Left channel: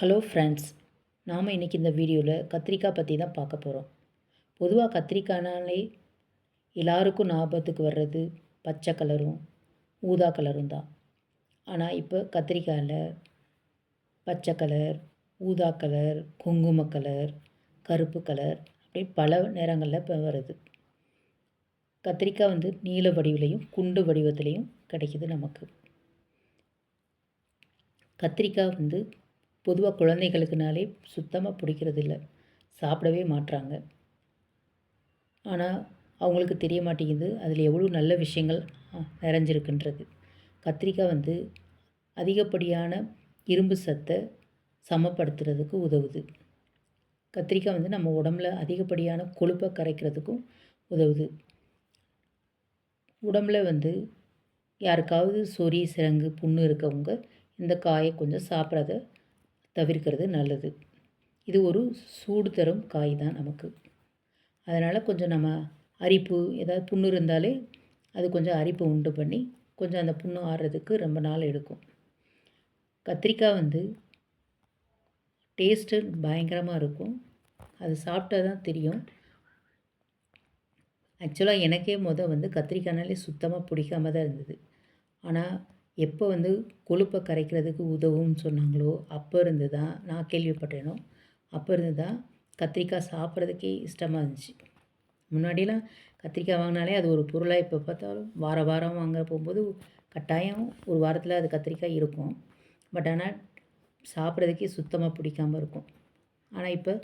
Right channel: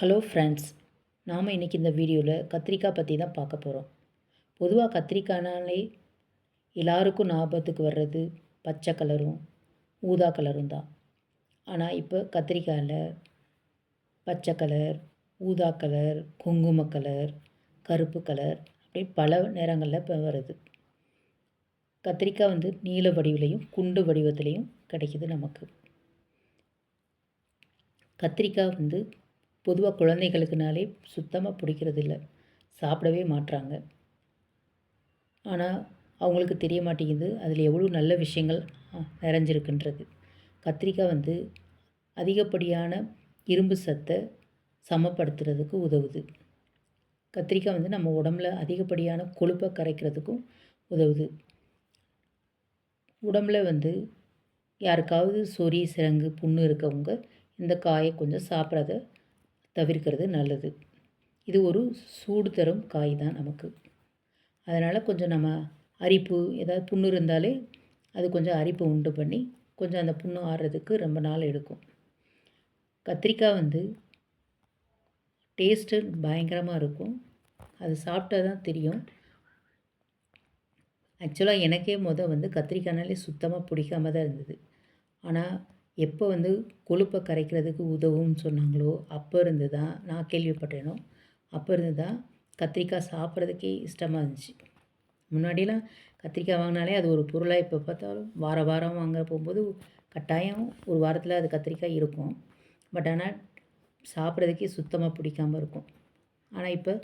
Hello friends, நாம் இன்றைக்கி இந்த வீடியோவில் கத்திரிக்காய் பற்றி தான் பார்க்க போகிறோம். பொதுவாக கத்திரிக்காய்னாலே எல்லாருக்கும் ஞாபகத்துக்கு வர்றது பச்சை கலரும் ஊதா கலரும் தான். ஆனால் இப்போ கத்திரிக்காயில் பச்சை கலர், ஊதா கலர், குங்கும கலர், கருப்பு கலர் அப்படி பல நிறங்களில் இப்போ வருது. கத்திரிக்காய் நீல வடிவிலையும் குண்டு வடிவத்திலையும் கிடைக்கிது நமக்கு. கத்திரிக்காய் பொதுவாக குழந்தைகளுக்குனாலே சுத்தமாக பிடிக்கிறதில்ல, சாப்பிடவே மாட்றாங்க. ஆனால் அவங்களுக்கு தெரிய மாட்டேங்குது அதில் எவ்வளோ நல்ல விஷயங்கள் நிறைஞ்சிருக்குன்றது. கத்திரிக்காய் அதிகப்படியான இரும்பு சத்தை சமப்படுத்துறதுக்கு உதவுது. கத்திரிக்காய் நம்ம உடம்புல அதிகப்படியான கொழுப்பை கரைக்கிறதுக்கும் உதவுது. உடம்புல யாருக்காவது சொறி சிரங்கு புண்ணு இருக்கவங்க இந்த காயை கொஞ்சம் சாப்பிட்றத தவிர்க்கிறது நல்லது. இது ஒரு சூடு தரும் காய் தான் நமக்கு. அதனால் கொஞ்சம் நம்ம அரிப்பு ஏதாவது புண்ணு இருந்தாலே அது கொஞ்சம் அரிப்பு உண்டு பண்ணி கொஞ்சம் அந்த புண்ணு ஆறுறதுக்கு ரொம்ப நாள் எடுக்கும். கத்திரிக்காய் டேஸ்ட்டு பயங்கரமாக இருக்கும். அது சாப்பிட்டா தான் தெரியும். ஆக்சுவலாக எனக்கே கத்திரிக்காய்னாலே சுத்தமாக பிடிக்காம தான் இருந்தது. ஆனால் எப்போ கொழுப்பை கரைக்கிறதுக்கு உதவும்னு சொன்னாங்களோ அப்போ இருந்து தான் நான் கேள்விப்பட்டேனோ அப்போ இருந்து தான் கத்திரிக்காய் சாப்பிட்றதுக்கே இஷ்டமாக இருந்துச்சு. முன்னாடியெலாம் கத்திரிக்காய் வாங்கினாலே அது ஒரு பொருளாக இப்போ பார்த்தாலும் வாரம் வாங்க போகும்போது கட்டாயம் ஒரு வாரத்தில் அது கத்திரிக்காய் இருக்கும். பட் ஆனால் சாப்பிட்றதுக்கே சுத்தமாக பிடிக்காமல் இருக்கும். ஆனால் இப்போ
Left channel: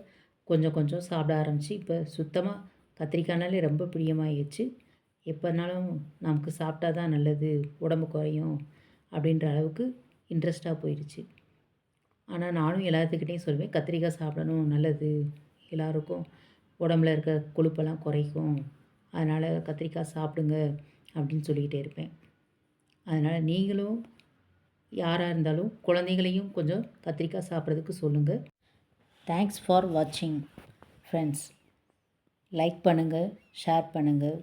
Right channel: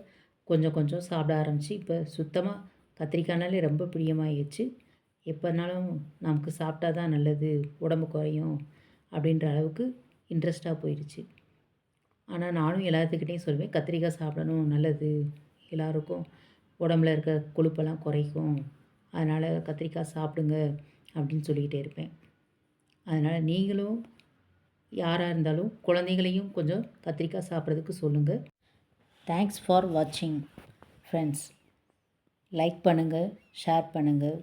கொஞ்சம் கொஞ்சம் சாப்பிட ஆரம்பித்து இப்போ சுத்தமாக கத்திரிக்காய்னாலே ரொம்ப பிரியமாகிடுச்சு. எப்போனாலும் நமக்கு சாப்பிட்டா தான் நல்லது, உடம்பு குறையும் அப்படின்ற அளவுக்கு இன்ட்ரெஸ்ட்டாக போயிடுச்சு. ஆனால் நானும் எல்லாத்துக்கிட்டேயும் சொல்வேன், கத்திரிக்காய் சாப்பிடணும், நல்லது, எல்லாருக்கும் உடம்புல இருக்க கொழுப்பெல்லாம் குறைக்கும், அதனால் கத்திரிக்காய் சாப்பிடுங்க அப்படின்னு சொல்லிக்கிட்டே இருப்பேன். அதனால் நீங்களும் யாராக இருந்தாலும் குழந்தைங்களையும் கொஞ்சம் கத்திரிக்காய் சாப்பிட்றதுக்கு சொல்லுங்கள். தேங்க்ஸ் ஃபார் வாட்சிங் ஃப்ரெண்ட்ஸ். லைக் பண்ணுங்கள், ஷேர் பண்ணுங்கள்,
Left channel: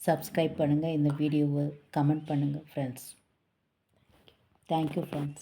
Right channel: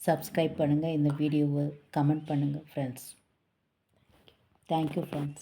சப்ஸ்கிரைப் பண்ணுங்கள், இந்த வீடியோவை கமெண்ட் பண்ணுங்கள் ஃப்ரெண்ட்ஸ். Thank you friends.